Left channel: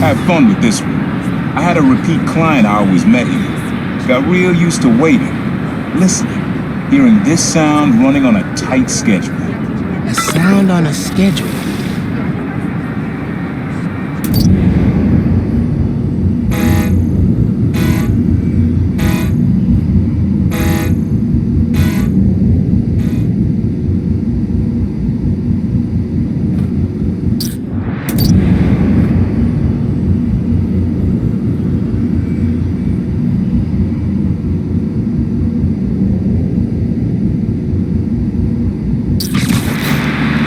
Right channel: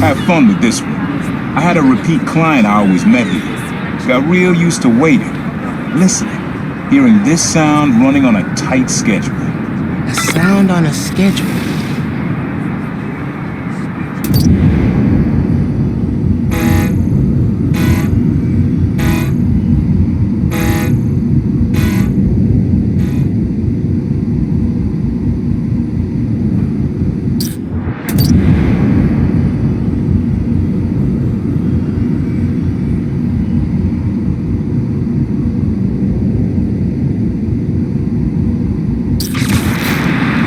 Have fun with this one. I had a repeat client I always met here. Got real used to waiting, listening, hearing this sound running on a tight schedule. A sound on a schedule.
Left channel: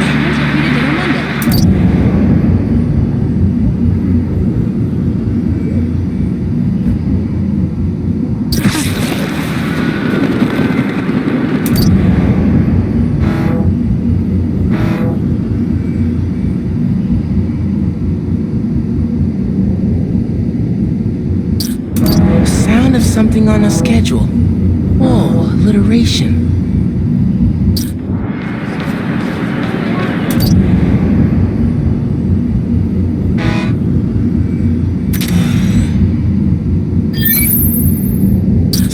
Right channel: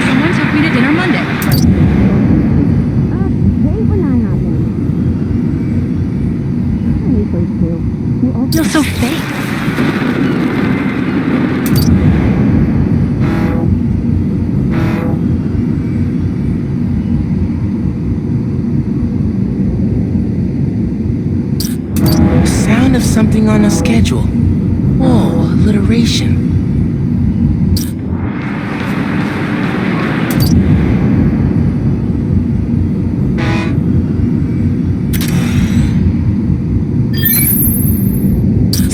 Someone took me to dinner Monday. You all feel so safe. Sound of something on a schedule. Whoa, alliteration.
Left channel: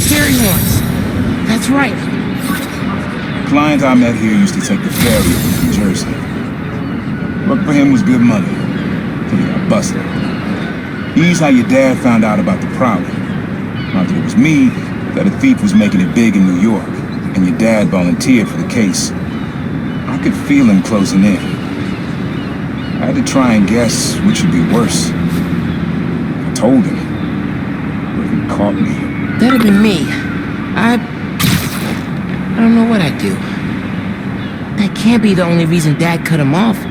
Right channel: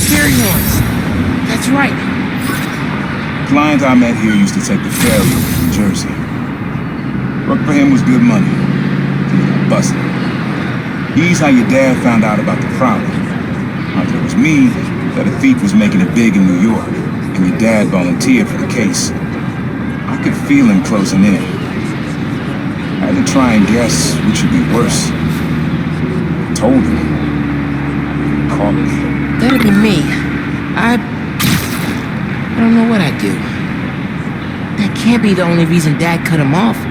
Fairy horns. That's right. Client I met here used to take the ferry over from Jersey. Working for him was good money, till he got busted. He's how your dad found out about the Prowler. Not that it was me, but that a thief was making it big in New York, and your dad volunteered for the case. I could feel him closing in. I had to try and guess which would be worse. I told him, but he caught me. That'd be me. I don't know what I'd do. That can't be the only reason Dad cut him off.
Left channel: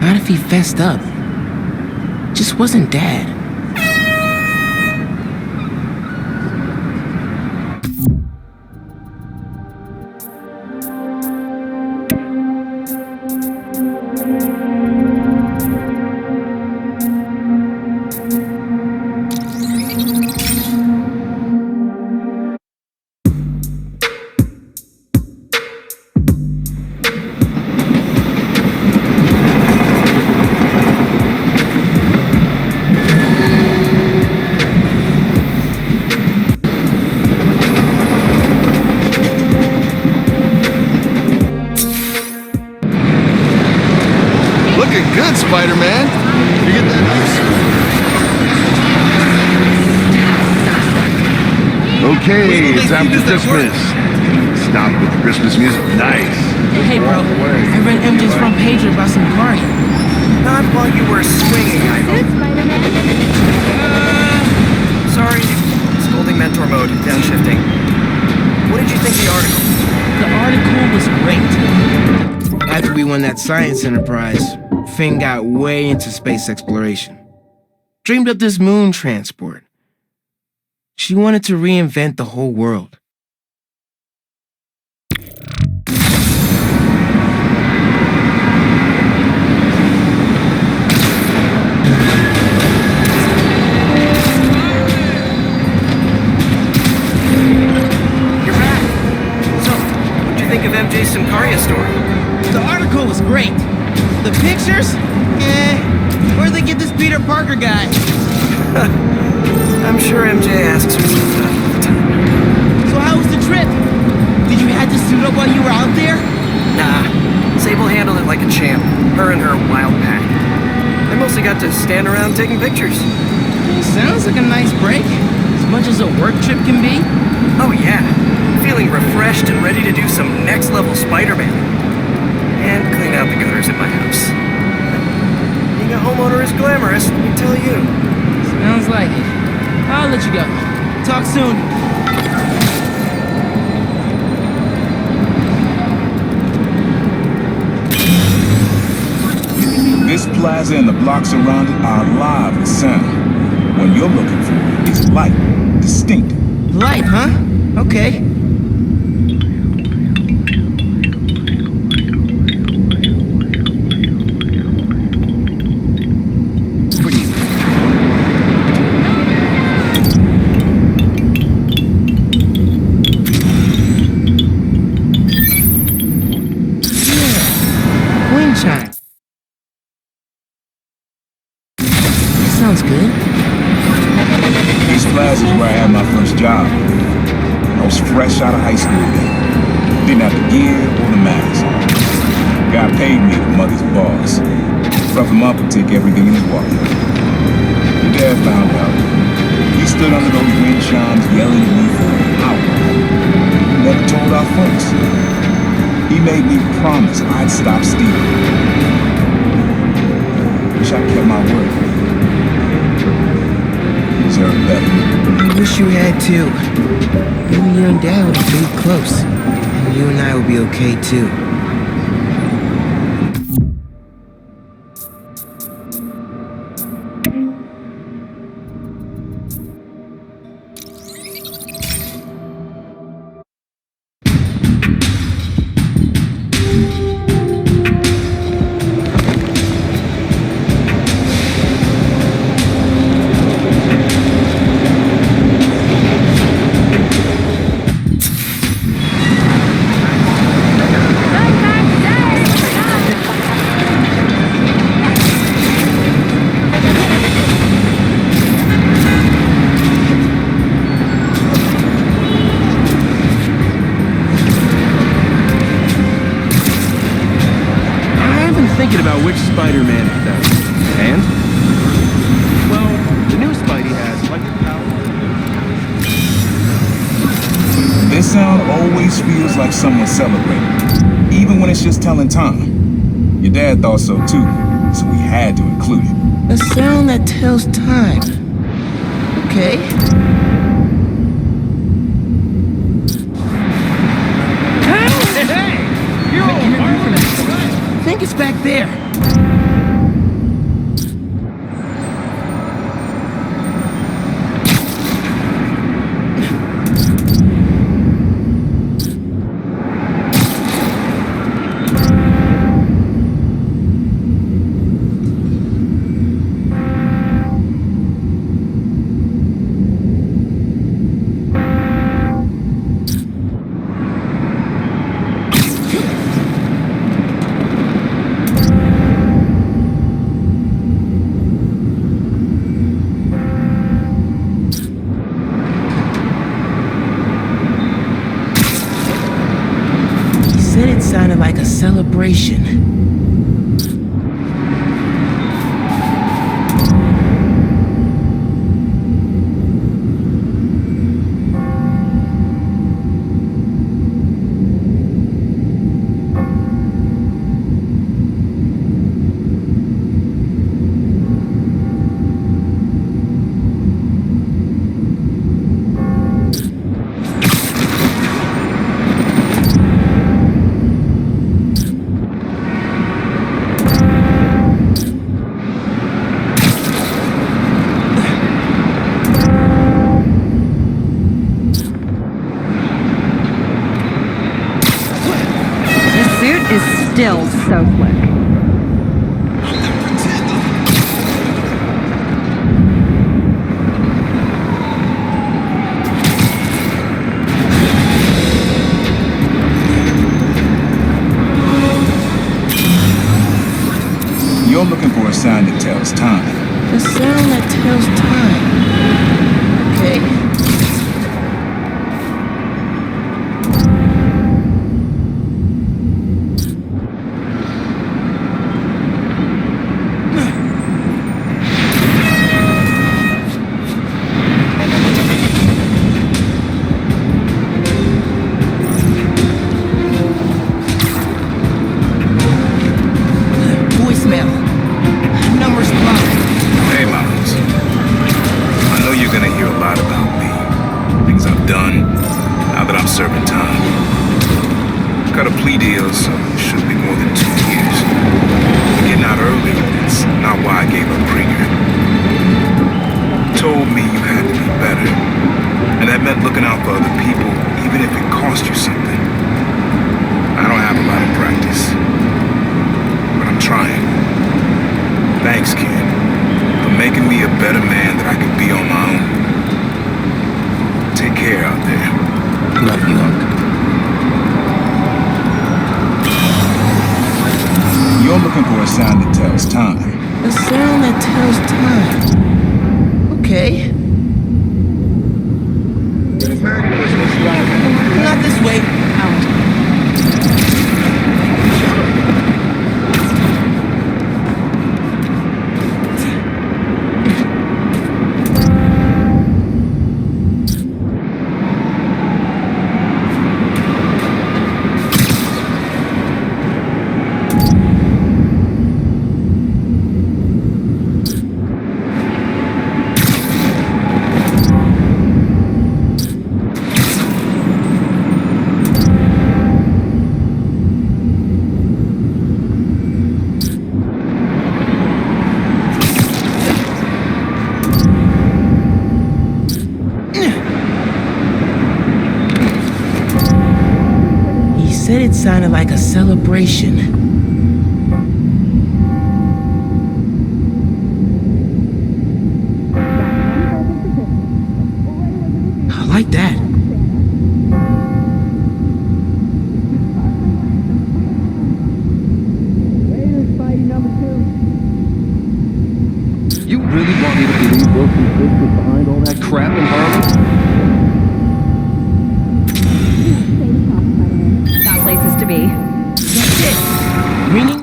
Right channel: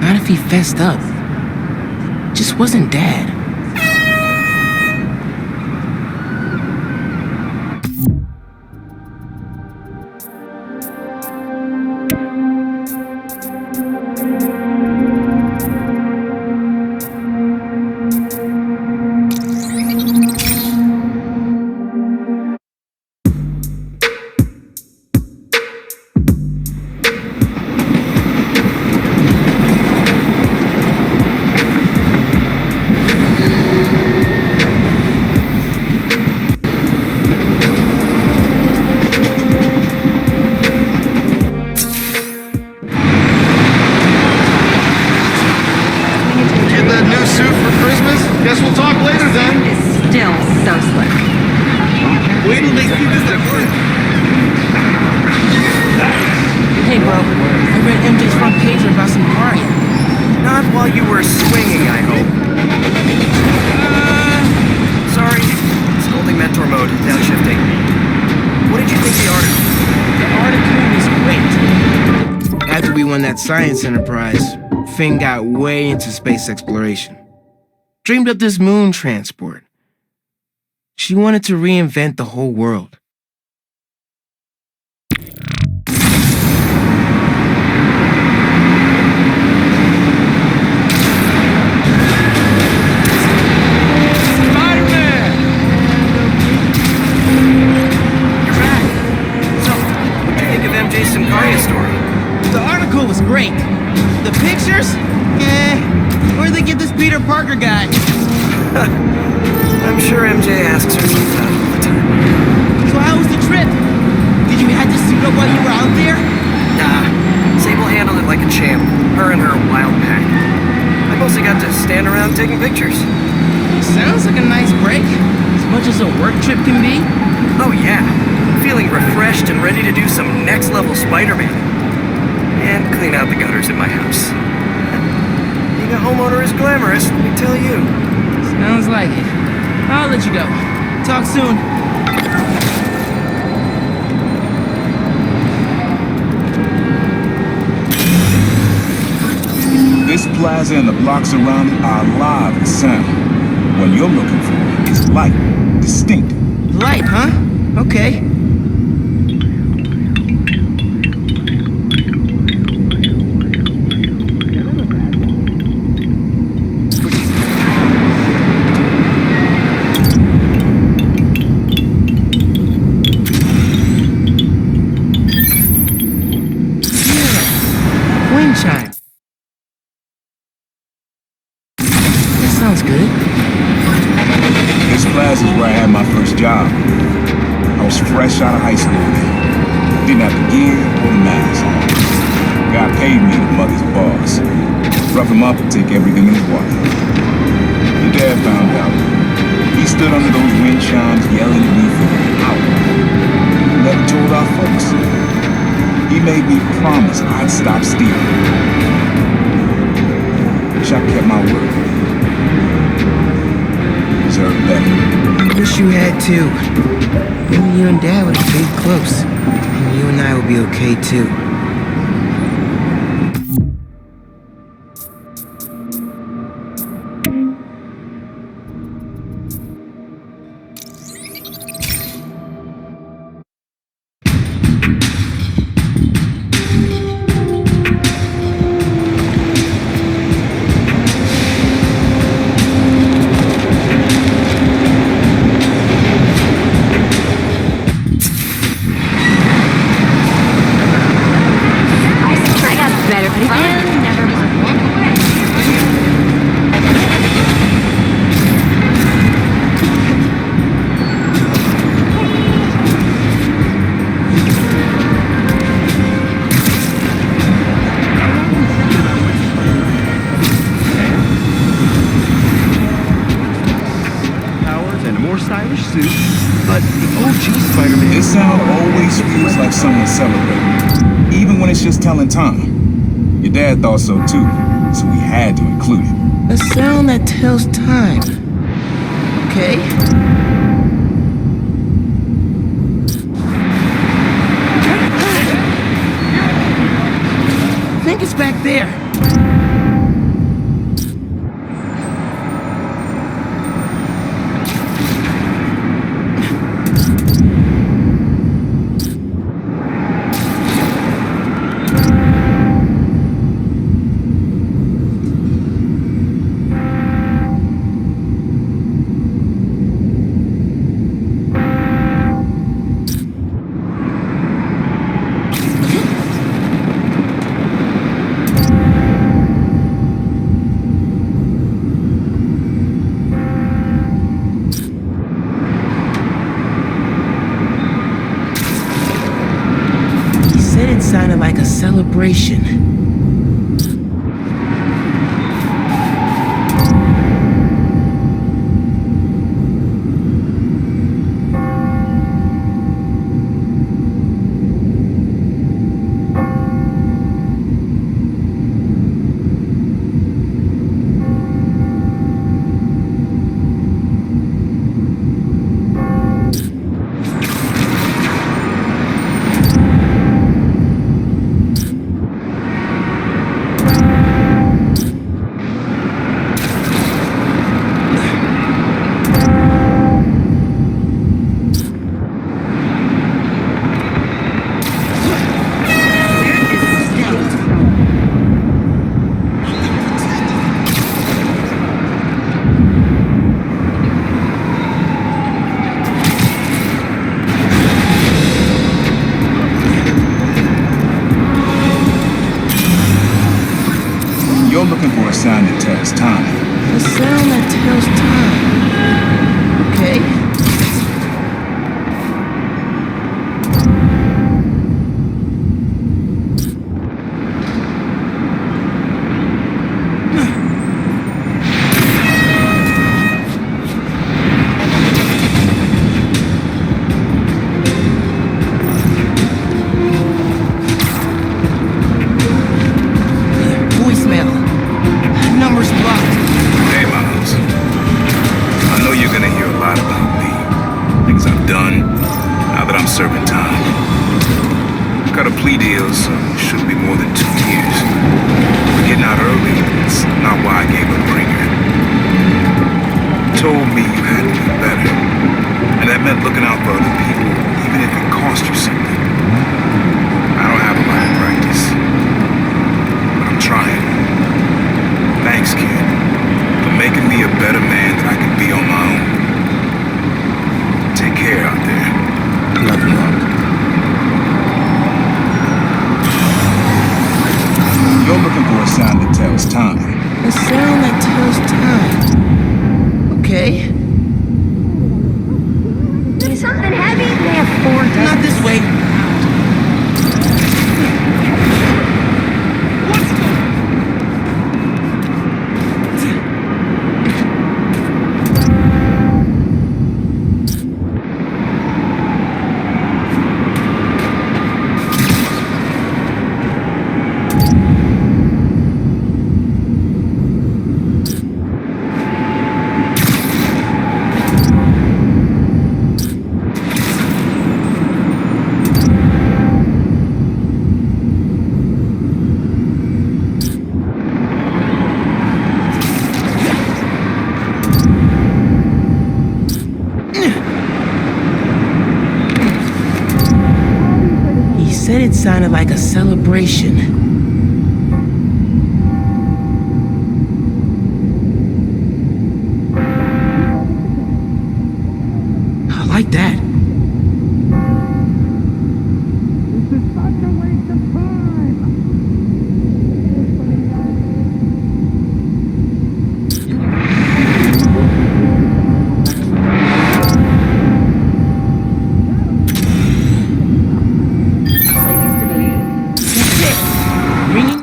Not if he fessed up. Just wasn't Dad. Looking good, Spider-Man. You get that new suit for Christmas? Guess we'll talk later then. Is still so slick. Okay. Wait till they see this at work. Stop the Christmas music. Nice. Hey, bro. I read MJ's front pager about some Caria. Not while you were swinging, I hope. Sorry. Scolding mentor mode, downshifting. What did you think of the article? The article was great. After we won that science enterprise, Finn got way into space exploration. Dreamed up this moon transport. She wanted to reinvent the whole world. Spider-Man! And you're back. So, what'd you think of MJ's Simcaria story? The article was great. The pictures? Where'd they get this Peter Parker guy? I'm sure MJ asks herself that all the time. So how was the trip? Did you have to suit up while you were out there? Nah, Sable handled it like a champ. Her and her wild pack. I mostly got to stand around taking pictures. Sounds like a nice break. As much as a work trip can be. Oh yeah, I'm feeling refreshed and ready to do some next-level Spider-Manning. And clean out the gutters at my house. Being a homeowner is glamorous, let me tell you. Sounds like it. I'll let you go. Talk soon. This plaza and the blocks around it are alive with sound. What you're looking for is light, distinct. Light, huh? Okay. Wind chime. That's sounds good. This plaza's where I had my first job. I was fresh out of high school then. Didn't have the gear or the mask. Guy paid me to mug his boss. Rough him up, take everything in his wallet. Your dad found out. He stood under those wind chimes yelling at me for an hour. He never told our folks. He made me promise I'd stop stealing. Wish I kept my word. You deserve better. I wish you had too. Maybe you and Dad would have stayed close. And you and I would be okay too. Never mind. I've been thinking about which Spider-Man is better. Well, the new Spidey has electric powers and more stylish suits, but the OG Spider-Man... This sound always feels like someone celebrating, even when it's just telling time. Your dad thought so too, so we had to include it. A sound that tells time. Okay. I think it's back there. He said it sounded like a celebration. You're looking for a sound that tells time. A sound that tells time. Okay. Voicemail. Number's blocked. Hey, Miles. I know you're gonna hear a lot about me. Things I've done, now that I'm serving time. Got a plea deal, so it shouldn't be more than 2 years. But getting out early, it's not why I gave up Krieger. Told me you had to be better. And that meant looking out for other people, even if it cost you something. I don't have a lot of practice. But I'm trying. Thanks, kid, for making me a better man that I could be on my own. Take care out there. Love you, Unc. You're looking for a sound that tells time. A sound that tells time. Okay. Not this way. He said it sounded like a celebration. I like that. You really want me to get the book behind all that crap and love? Got places to be. That's it. Ringing.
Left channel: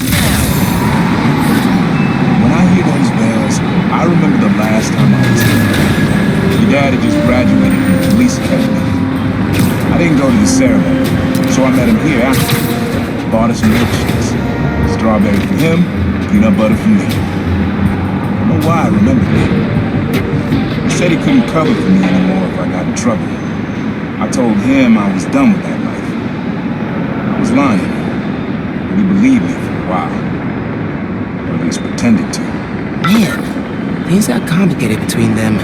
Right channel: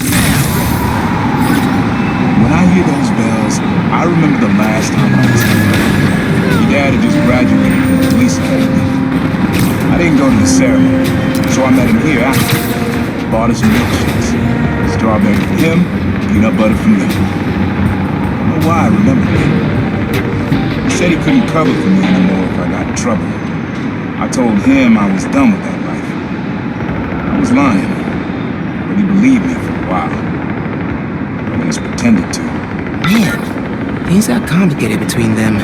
Now. When I hear those bells, I remember the last time I was here. Your dad had just graduated from the police academy. I didn't go to the ceremony, so I met him here after. Bought us some milkshakes. Strawberry for him, peanut butter for me. Don't know why I remember that. He said he couldn't cover for me anymore if I got in trouble. I told him I was done with that life. I was lying, but he believed me for a while. Or at least pretended to. Man, things got complicated between them.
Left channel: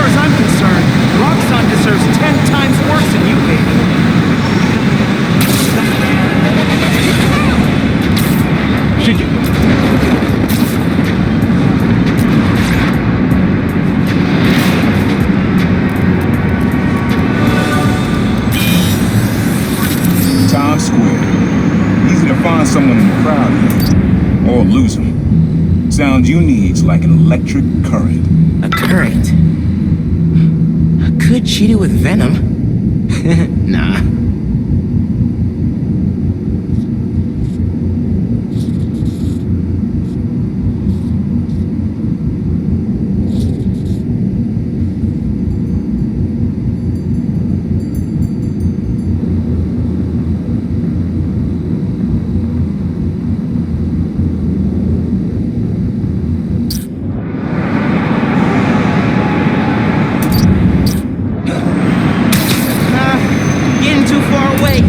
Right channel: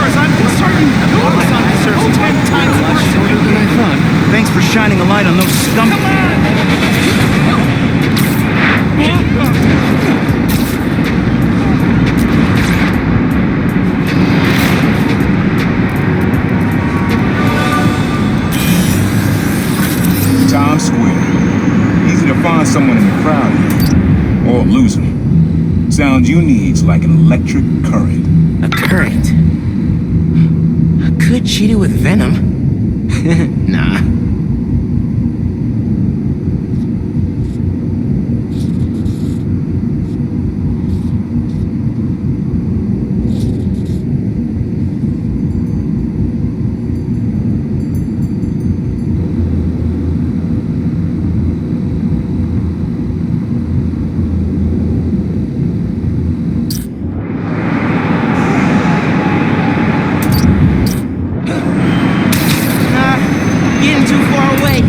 As I'm concerned, Roxxon deserves 10 times worse than you gave him. Thanks for shining a light on those scumbags. Times Square. Easy to find someone in the crowd here. Or lose them. Sound you need's like an electric current. A current. Could cheat it with venom. Nah. Nah, getting too far away.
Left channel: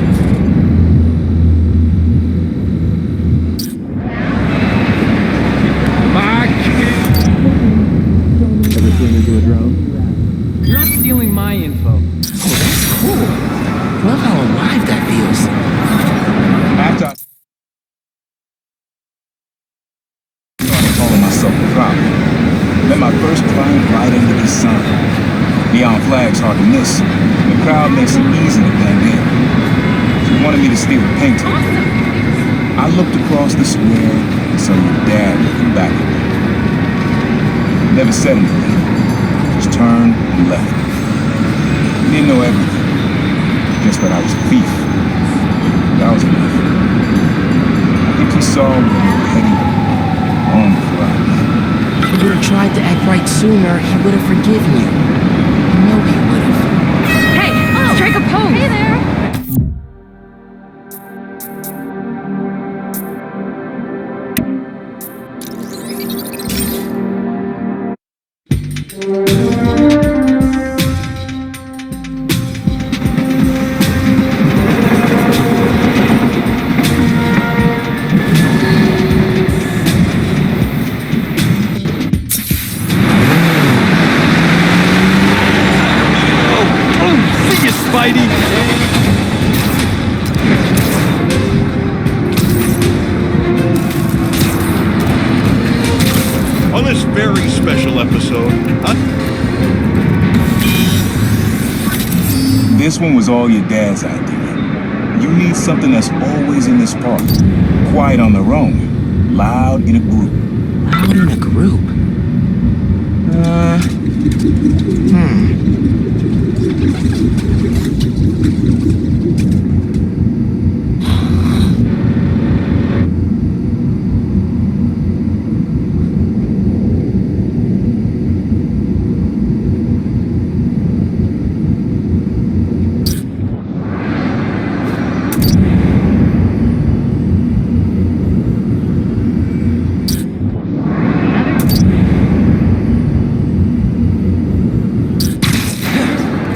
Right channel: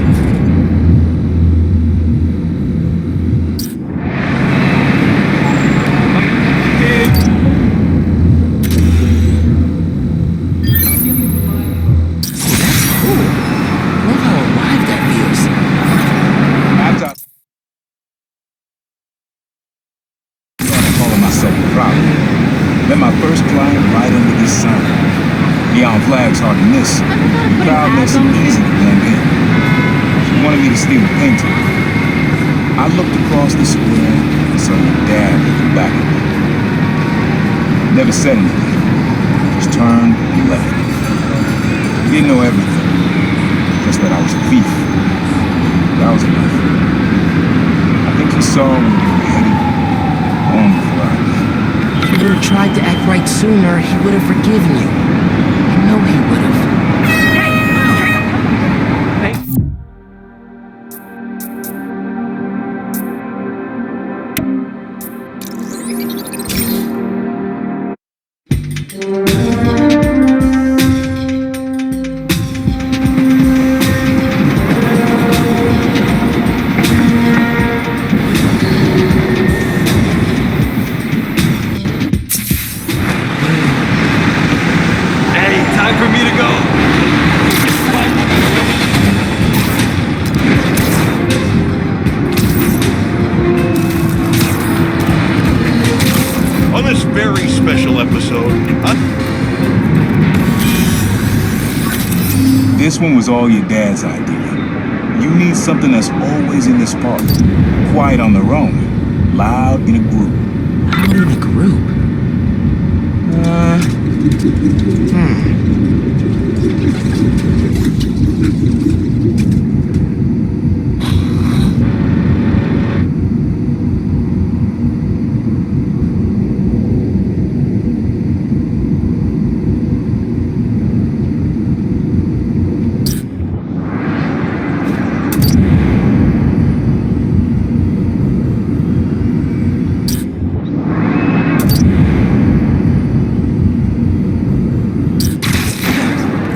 Kid. You're not stealing my info. Oh, that's cool. Love how alive that feels. After I started calling myself the Prowler, met my first client right under this sign. Neon flags hard to miss, and the crowd makes it easy to blend in. She wanted me to steal a painting. I looked across the square and saw your dad looking back at me. He never said anything, just turned and left. He didn't know everything, just that I was a thief. That was enough. I think he saw where we were heading long before I did. If he would have tried to act right sooner, he would have forgiven you. I know he would have. Hey, strike a pose. Hey there. On this very special episode, This one was all your dad's idea. You need something that's always in this park. Quiet on their own. Loud in a group. Out in a group?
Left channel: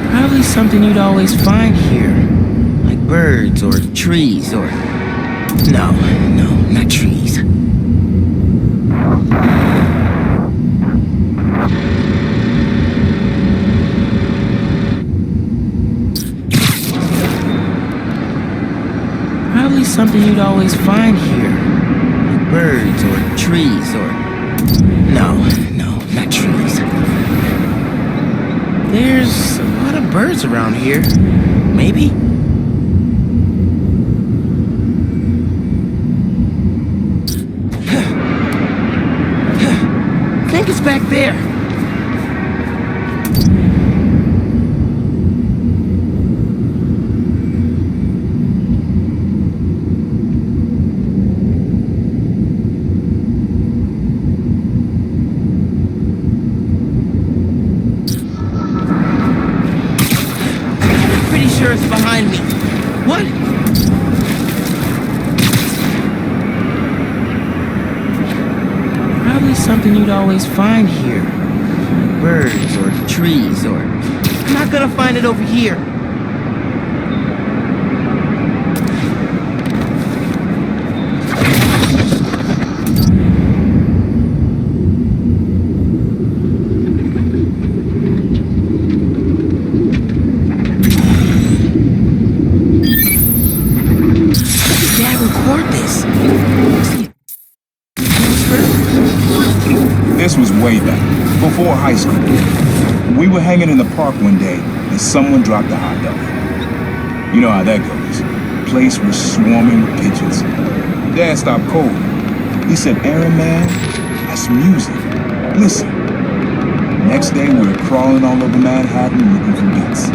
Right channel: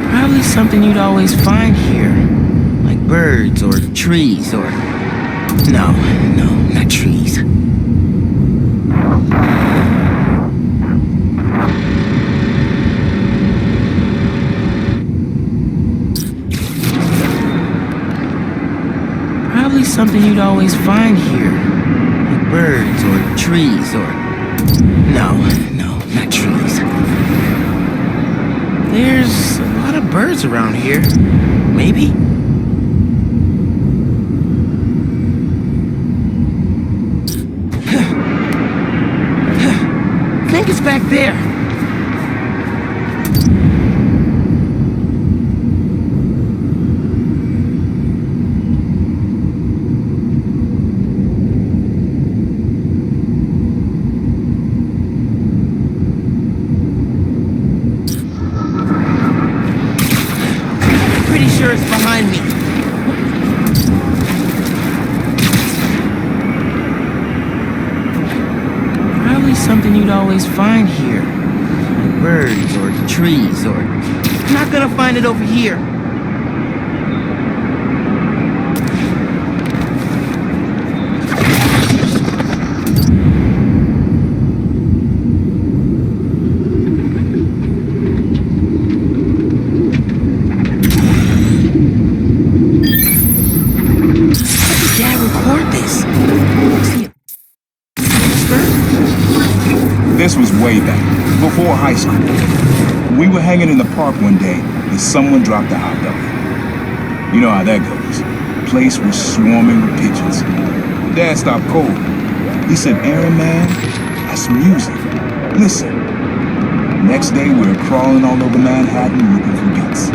Probably something you'd always find here. Like birds or trees or... No, not trees. Probably something you'd always find here. Like birds or trees or... No, not trees. There's a lot of birds around here. Maybe? Think it's back there. Pretty sure it's behind me. What? Probably something you'd always find here. Like birds or trees or... I'm not gonna find it over here. Dad record this? Was he a whisperer? This was way back, before high school. We were hanging in the park one day, and someone dropped a hot dog. You know how that goes. Place was swarming with pigeons. Your dad stopped cold. He said, "Aaron, man, that's music. Listen." Next day, we were crawling all over Manhattan looking for beats.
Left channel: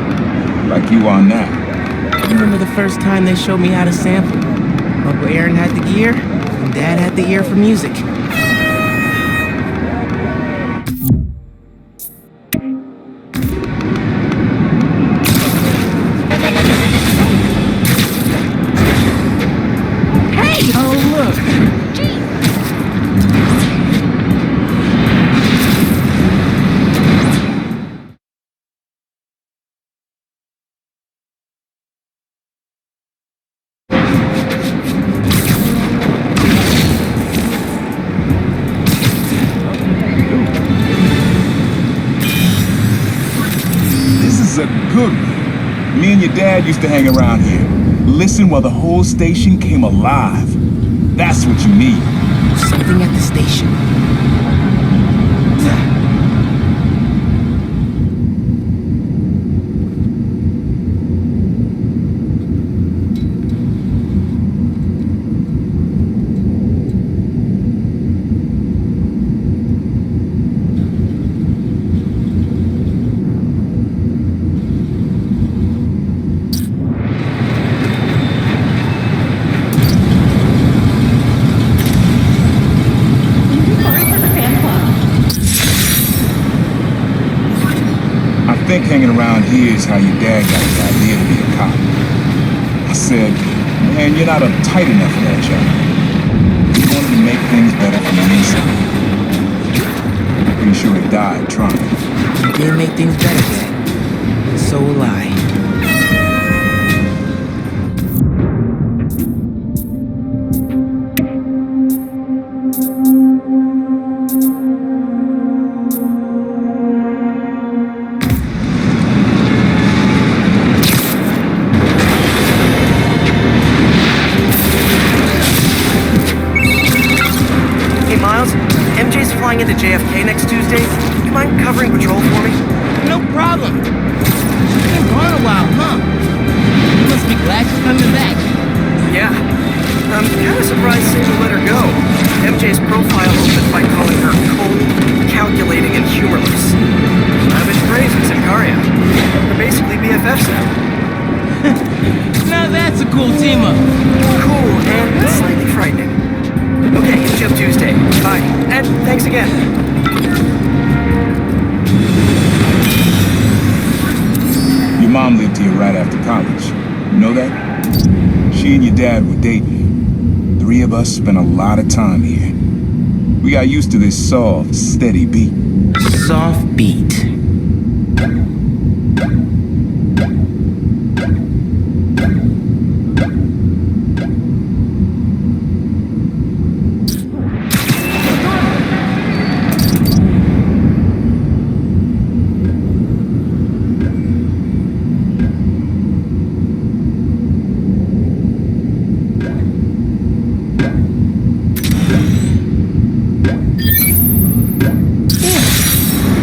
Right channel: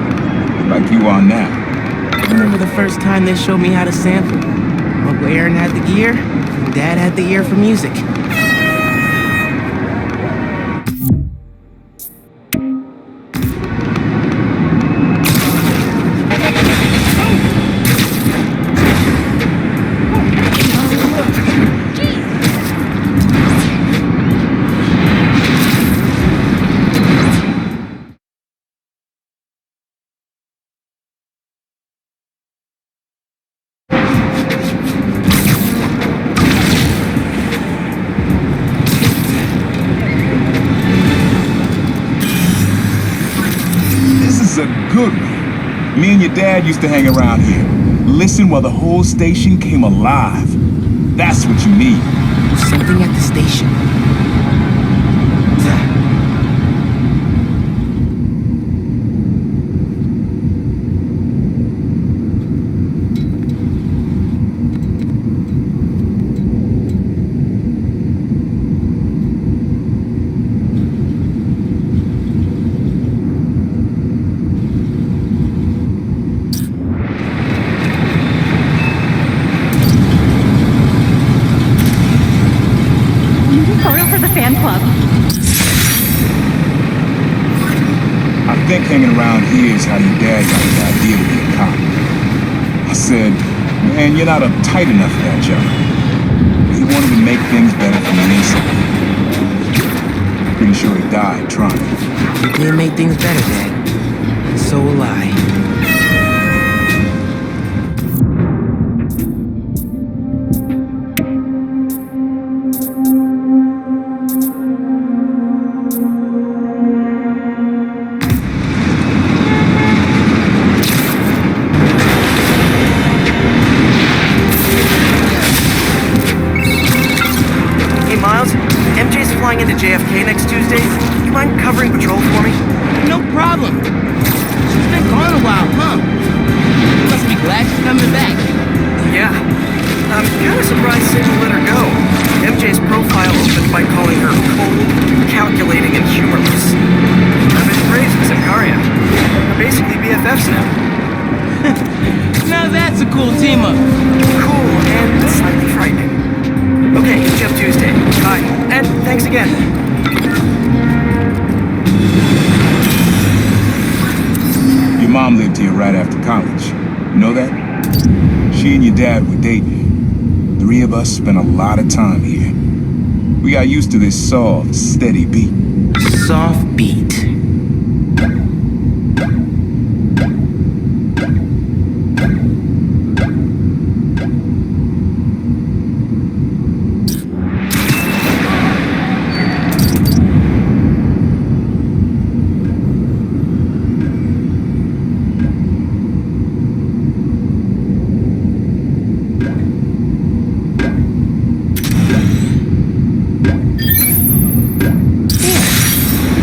Like you are now. I remember the first time they showed me how to sample. Uncle Aaron had the gear, and Dad had the ear for music. This is a good one. Me and your dad used to hang around here. Listen while the whole station came alive. That's what you need. Something at the station. I think hanging around here is how your dad got the idea to be a cop. I said, "Man, you're not uptight enough for that job." He wanted to make things better from the inside. Pretty sure he died trying. You did make things better, Dad. And so will I. Hey, Miles, MJ's flying into JFK next Tuesday. You mind covering patrol for me? No problem. She's been gone a while, huh? You must be glad she's coming back. Yeah. I'm kind of surprised Sable let her go. MJ's profile opened by calling her cold, calculating, and humorless. Lavish praise in Simcaria. They're basically BFFs now. Now that's a cool team-up. Cool and slightly frightening. Okay, hit you up Tuesday. Bye. And thanks again. Your mom lived here right after college. You know that? She and your dad were dating. 3 of us spent a lot of time here. We got used to this soft, steady beat. Soft beat.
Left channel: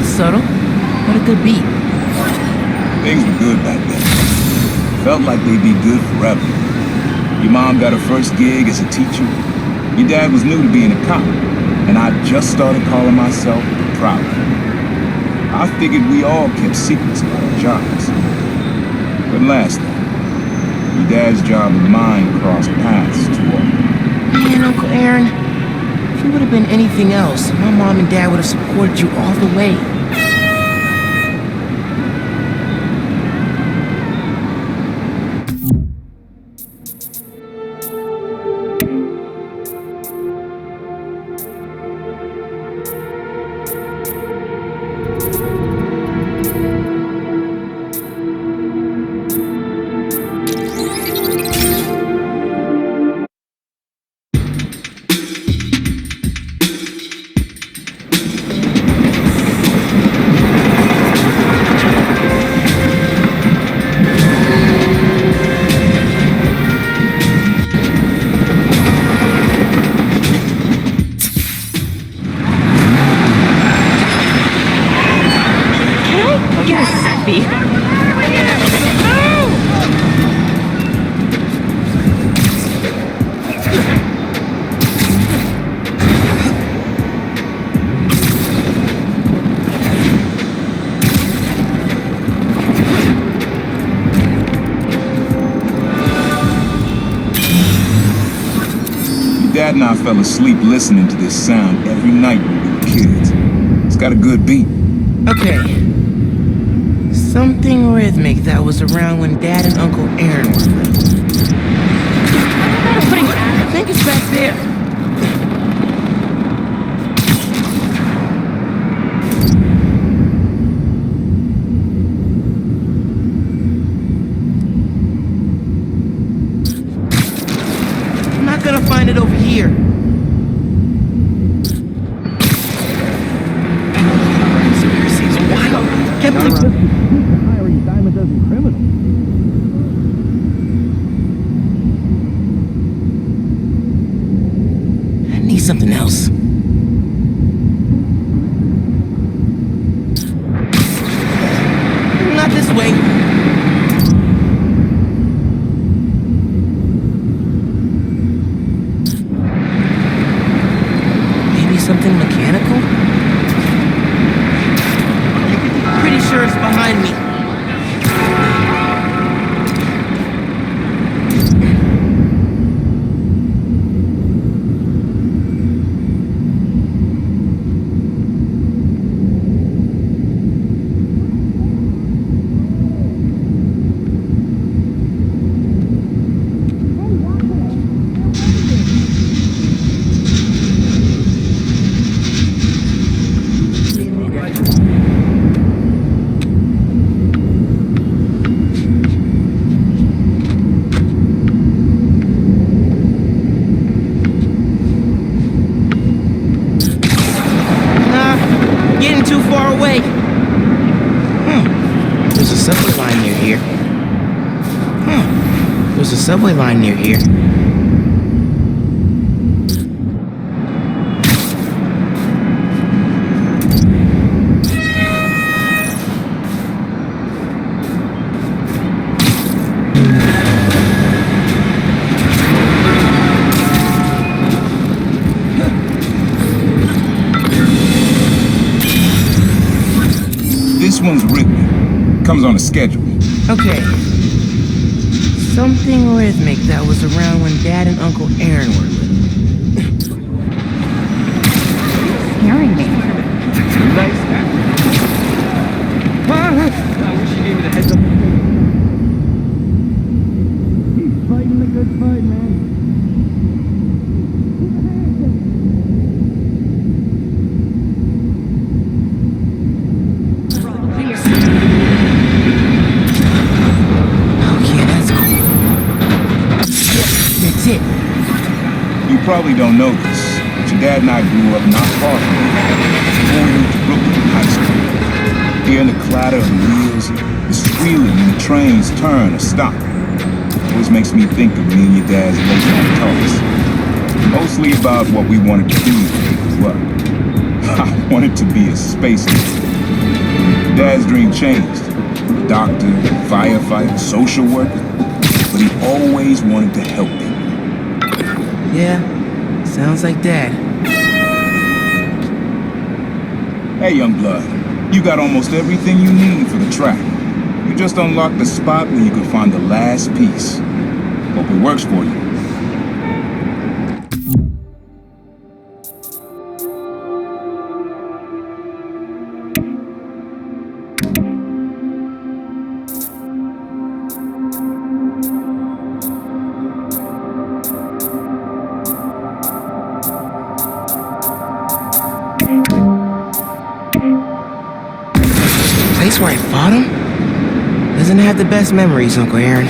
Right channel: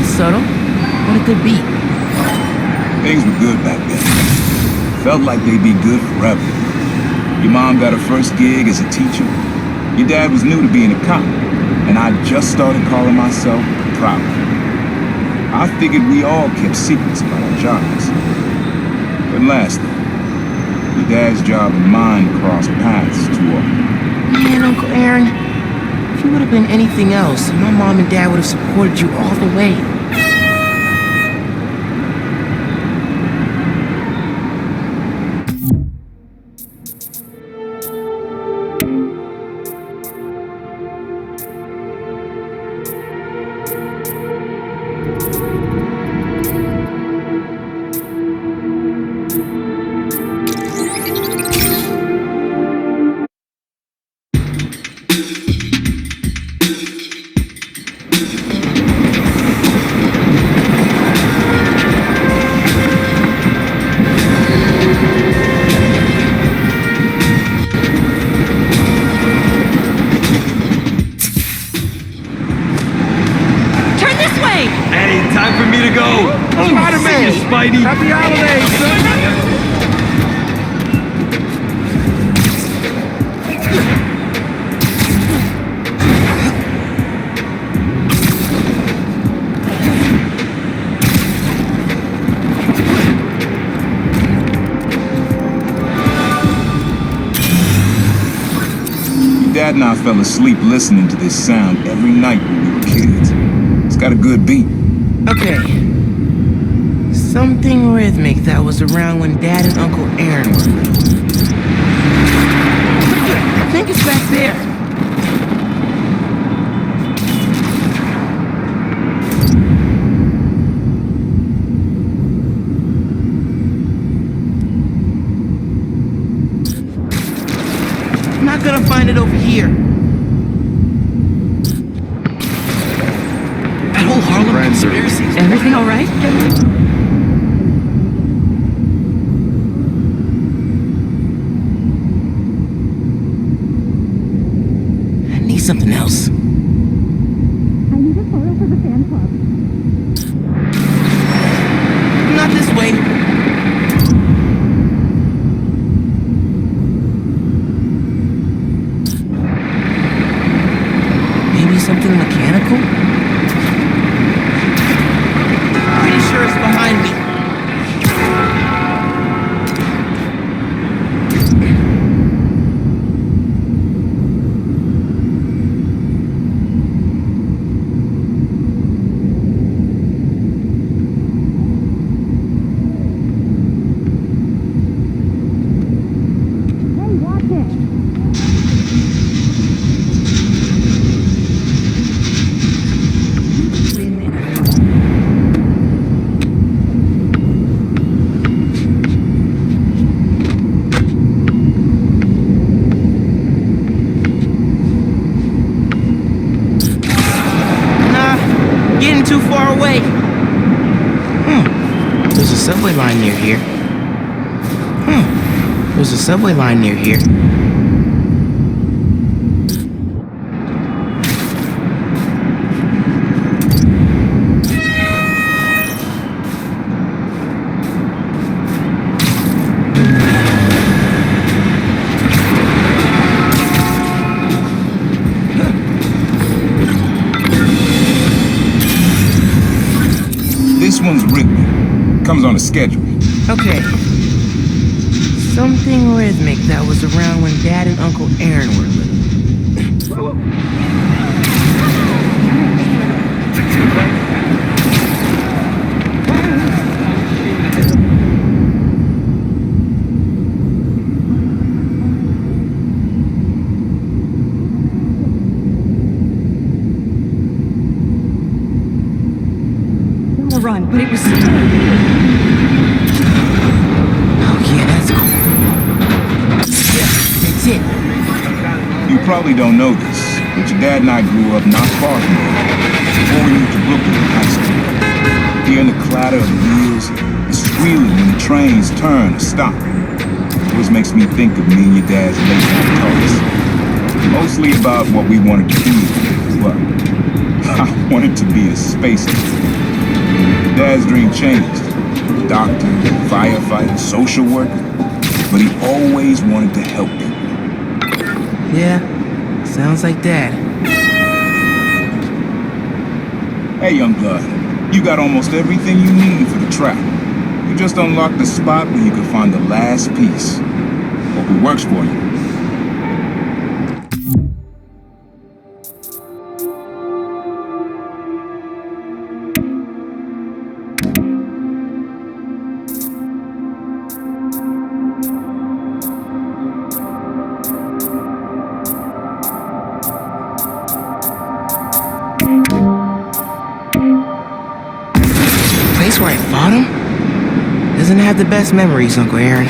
Subtle, but a good beat. Things were good back then. Felt like they'd be good forever. Your mom got her first gig as a teacher. Your dad was new to being a cop, and I just started calling myself the Prowler. I figured we all kept secrets about our jobs. Couldn't last, though. Your dad's job and mine crossed paths too often. Man, Uncle Aaron, if you would have been anything else, my mom and dad would have supported you all the way. Time for me to go. Oh, Spider-Man, Spidey. Happy holidays. Your dad and I fell asleep listening to this sound every night when we were kids. It's got a good beat. Okay. Something rhythmic that was around when Dad and Uncle Aaron were little. I think it's back there. I'm not gonna find it over here. Harlem conspiracies. Everything all right? I need something else. I need a photo for the fan club. Not this way. Maybe something mechanical? Pretty sure it's behind me. Hey, watch it. Win in a fight. Nah, getting too far away. There's a subway line near here. There's a subway line near here. This one's rhythmic. Comes on a schedule. Okay. Something rhythmic that was around when Dad and Uncle Aaron were little. Fighting the good fight, man. On the run, but it was still. Oh yeah, that's cool. Yeah, that's it. You probably don't know this, but your dad and I grew up not far from here, before we moved to Brooklyn in high school. Hearing the clatter of the wheels, the squealing when the trains turn or stop, always makes me think of me and your dad's late night talks. Mostly about what we wanted to be when we grew up. I wanted to be a space engineer. Dad's dream changed. Doctor, firefighter, social worker. But he always wanted to help people. Yeah, sounds like Dad. Hey, young blood. You got almost everything you need for the track. You just unlocked the spot where you can find the last piece. Hope it works for you. Place where I fought him? Doesn't have the best memories, Uncle Aaron.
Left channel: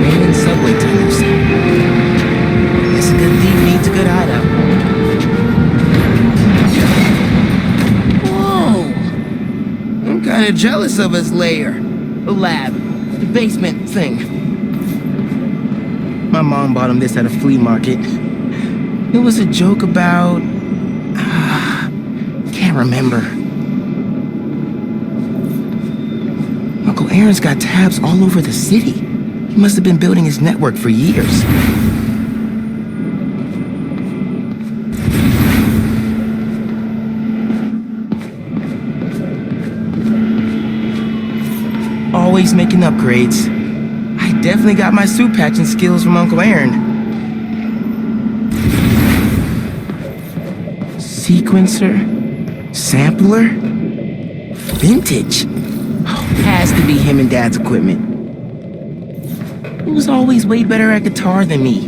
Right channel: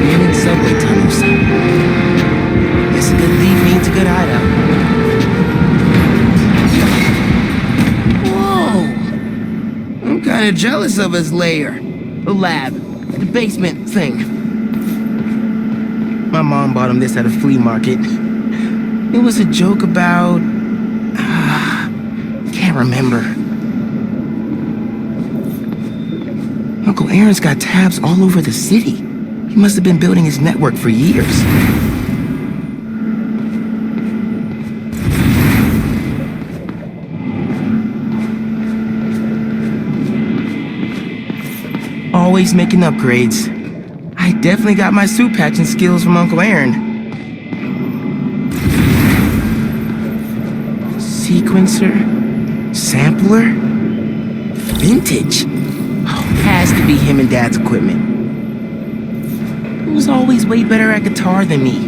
Man in subway tunnels. Guess a good thief needs a good hideout. Whoa! I'm kinda jealous of his lair. The lab. The basement thing. My mom bought him this at a flea market. It was a joke about... can't remember. Uncle Aaron's got tabs all over the city. He must have been building his network for years. Always making upgrades. I definitely got my suit patching skills from Uncle Aaron. Sequencer? Sampler? Vintage? Oh, has to be him and Dad's equipment. He was always way better at guitar than me.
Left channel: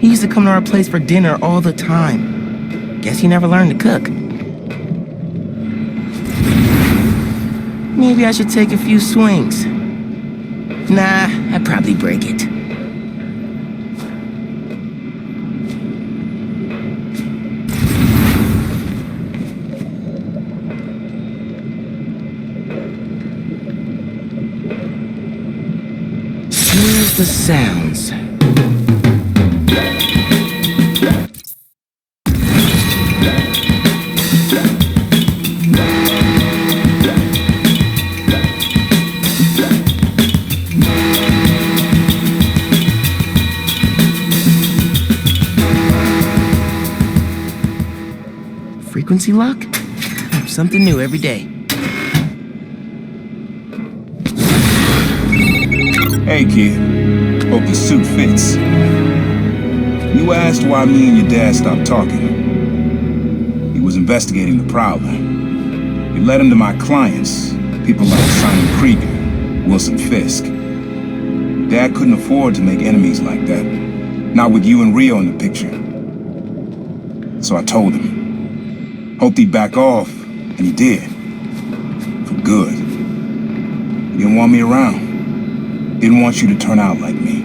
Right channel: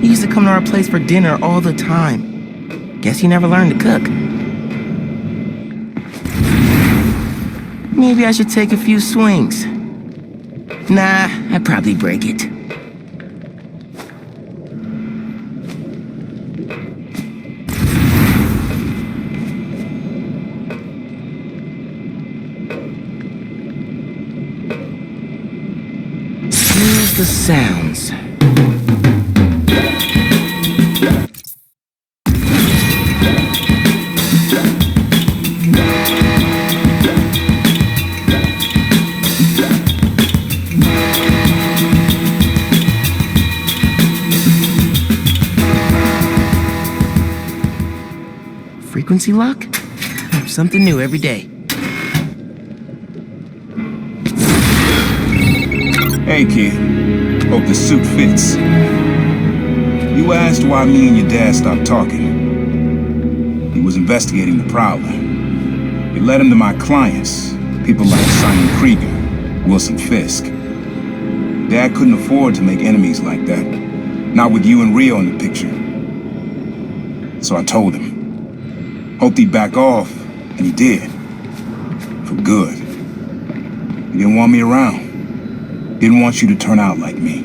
He used to come to our place for dinner all the time. Guess he never learned to cook. Maybe I should take a few swings. Nah, I'd probably break it. Here's the sounds. Frequency lock? Something new every day. Hey, kid. Hope the suit fits. You asked why me and your dad stopped talking. He was investigating the Prowler. It led him to my clients, people like Simon Krieger, Wilson Fisk. Your dad couldn't afford to make enemies like that. Not with you and Rio in the picture. So I told him. Hoped he'd back off, and he did. For good. He didn't want me around. Didn't want you to turn out like me.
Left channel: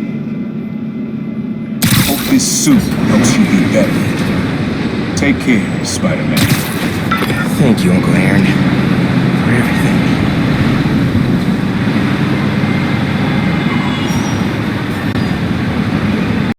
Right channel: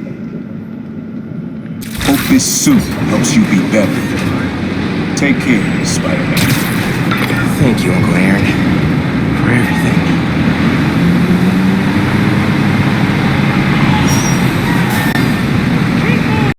Hope this suit helps you be better. Take care, Spider-Man. Thank you, Uncle Aaron, for everything.